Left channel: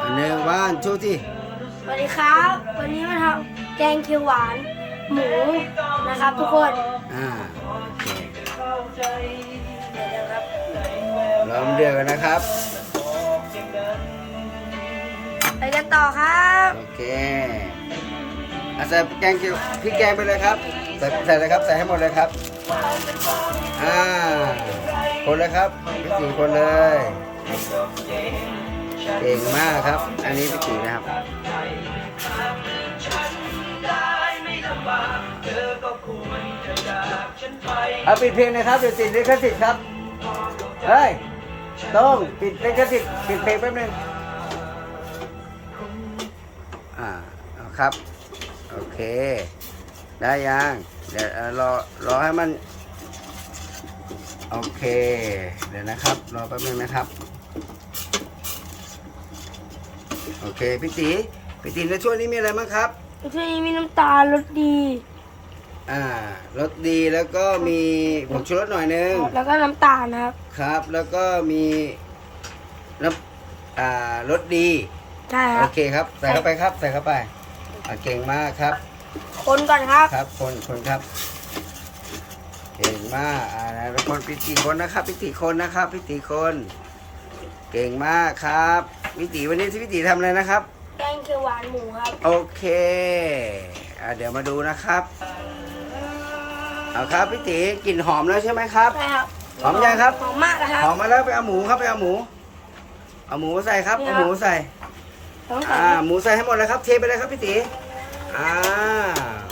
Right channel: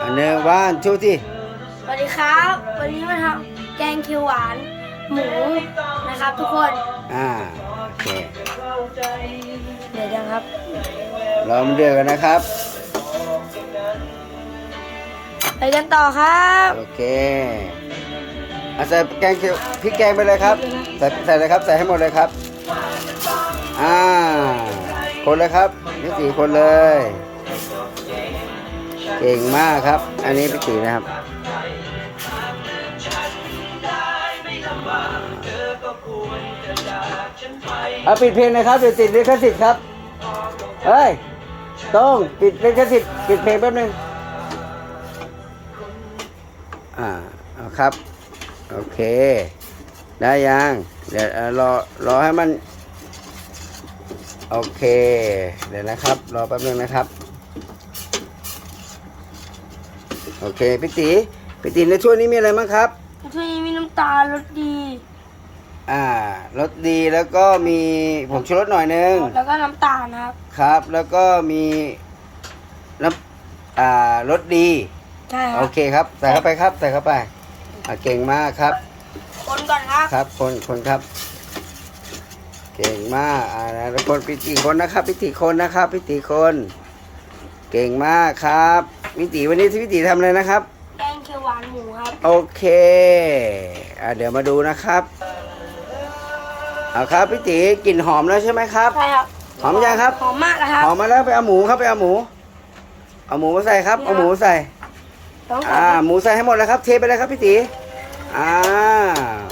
อันหนึ่งว่านชูที่สวัสดีครับ วันนี้มาทำแกงเขียวหวาน หมูนะครับทุกคนอ่าโอเคเดี๋ยวยังครับรอมันเดือดก่อนนะครับไปกันต่อครับโอเคเอาใส่แกงเขียวพริกแกงไปเลยครับใส่ใส่เลยครับใส่ให้หมดเลยครับอ่าคนเลยครับพี่ตีคนเลย เก่งมากครับ อันนี้พี่ตีนะครับเอาปิดเพลงเลยครับเดี๋ยวติดลิขสิทธิ์ครับเฮ้ยต้องปิดลิขสิทธิ์ปิดเพลงแป๊บนึงอ่าครับ โอเค ได้ยังเดี๋ยวรอรอให้มัน โอเค เดี๋ยวนะครับ รอแป๊บนึงนะครับ โอเคพี่ตีพี่ตีในช่วงนี้มีอะไรบ้างครับที่นี้มีน้ำตาลรสดี อ่ารสดีแล้วก็มีผงชูรสหน่อยนึงแล้วก็น้ำตาลนะครับครับ แล้วก็มีน้ำอ่ารสดีใช่คโอรับเคครับใส่เข้าไปครับใส่เข้าไปอะเก่งมากครับ คนก่อนครับครับ คนคนครับเก่งมากอ่าแล้วคนพิธีคนนะครับพิธีคนนะครับพิธีคน เก่งมากครับพิธีวันนี้ที่พิธีทำอะไรนะครับ แกงเขียวหวานหมูครับ โอเคอะเดี๋ยวมาดูนะครับเอาครับพี่ตีกลิ่นหอมแล้วใช่ไหมครับ ใช่ครับหอมยังครับ หอมมากนะครับ หอมมาแล้วไปเอาหมูครับไปเอาหมู เอาหมูมาใส่ครับนี่ครัเอาบหมูใส่ต้องใส่อ่าครับหมูใส่ให้หมดแล้วครับ เทไปเลยครับพี่ตีอ่า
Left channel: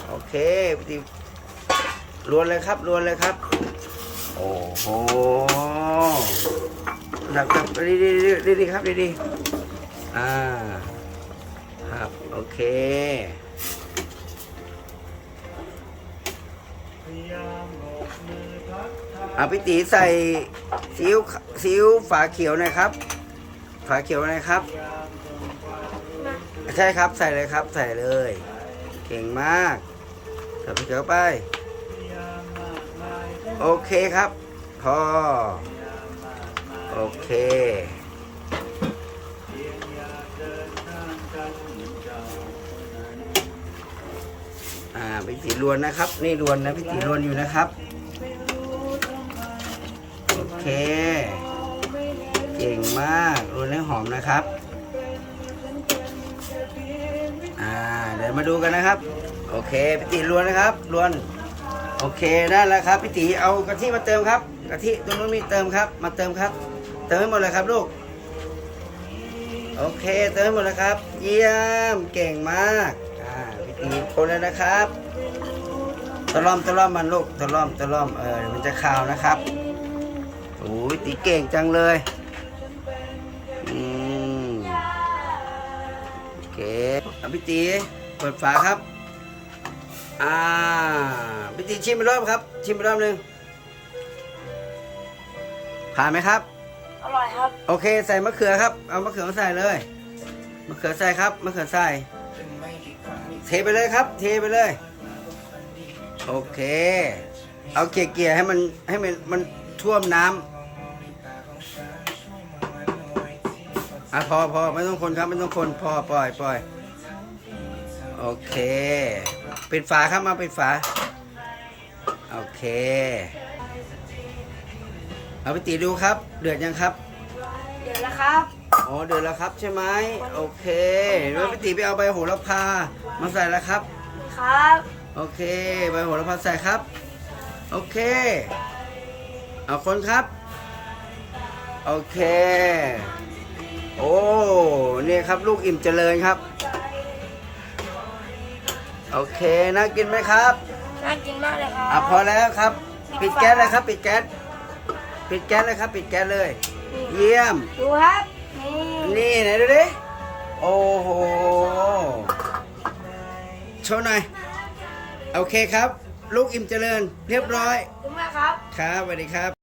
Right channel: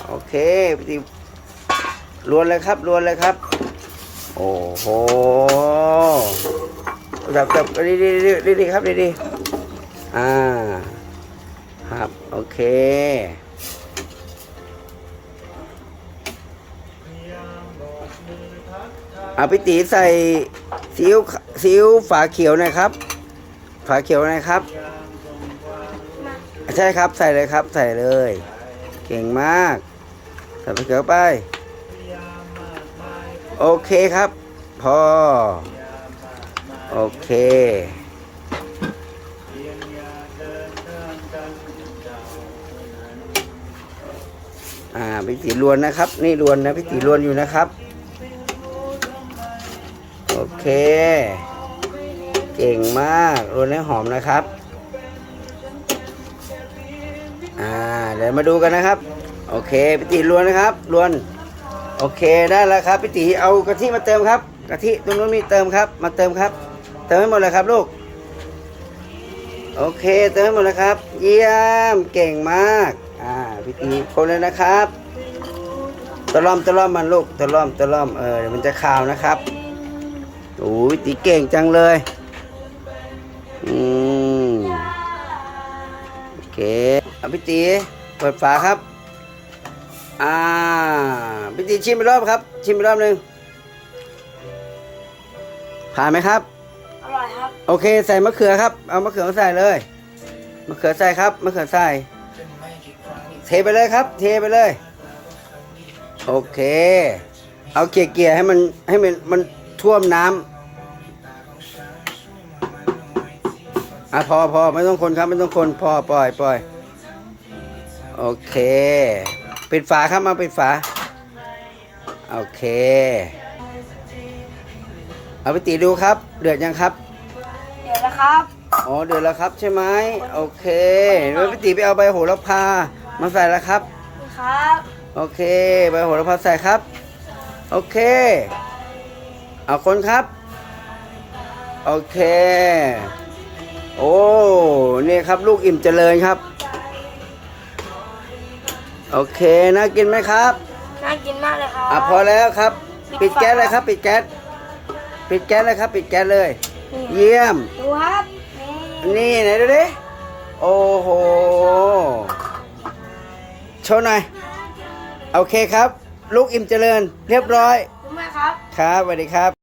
โอเคพี่ตีรวนเลยครับรวนเลยครับ โอ้โห อยากจับดีดีดีดีดีครับดีดีอ่าครับโอเคอาพี่ตีใส่ซีอิ๊วซีอิ๊วฝาเขียวนะครับ ฝาเขียวนะครับ ใช่ครับใส่เลยครับ ใส่เลย เก่งมาก ใส่ฝาเขียวไป โอเคครับ พอ โอเคอ่าพี่ตีรวนนะครับ นี่รวนนะพี่ตีรวนอยู่นะครับ โอเค เก่งมากรวนให้หอมนะครับอ่าเดี๋ยวมาดูกันนะครับ โอเคพี่ตีรวนนะครับรวน โอเคได้แล้วครับพี่ตีเอากะทิมาเติมครับ กะทิตรงนู้นมีเติมครับ มาเติมครับ เติมให้หมดเลยครับลูก โอเค เติมให้หมดเลยครับ เยี่ยม เก่งมาก อ่าพี่ตีคนเลยนะครับ ตะล่อมตะล่อมมันลูก ตะล่อมตะล่อม เออเดี๋ยวมันจะคาวนะครับโอ้ยตีเก่งจังเลย อืมโอเคเอาพี่ตีเปิดฝาครับ อ่าพี่ตีชิมไปรอบครับ ชิมไปรอบหนึ่ง ผ่านไหมครับ อร่อยครับ โอเค ใส่มะเขือครับ เอามะเขือมาใส่เลย มะเขือใส่ครับ มะเขือใส่ เทไปเลยครับ เทไปเลย โอเค เอาเกลี่ยๆให้มันให้มันมันท่วมน้ำอะพอพอไม่ต้องคนครับไม่ต้องคนพอปล่อยปล่อยโอเค ปิดฝาครับมาปิดฝา โอเค เอาไปตีดูครับ เดือดยังครับ เดี๋ยวนะครับ อ๋อเดือดแล้วครับใช่ไหมโอเคแล้วพี่ตีไปเอาใบโหระพามาใส่แล้วครับ นี่ครับโอเคใบโหระพาใส่ครับ โอเค เอาคนครับ โอเค โอ้นี่ครับลูกอิ่มเจริญครับ โอเคน่ากินไหมครับ น่ากินมากเลยครับอะพอแล้วครับ ปิปิดดฝาแก๊สเลยครับ ปิดแก๊ส ปิดแก๊สเลยครับ ปิดแก๊สเลยนี่เยี่ยม ดูครับนี่นี่ไหนดูดิโอ้โหโชว์หน่อยโอเคครับ ลูกอิ่มเจริญ เรียบร้อยขอบคุณมากครับ ครับสวัสดีครับ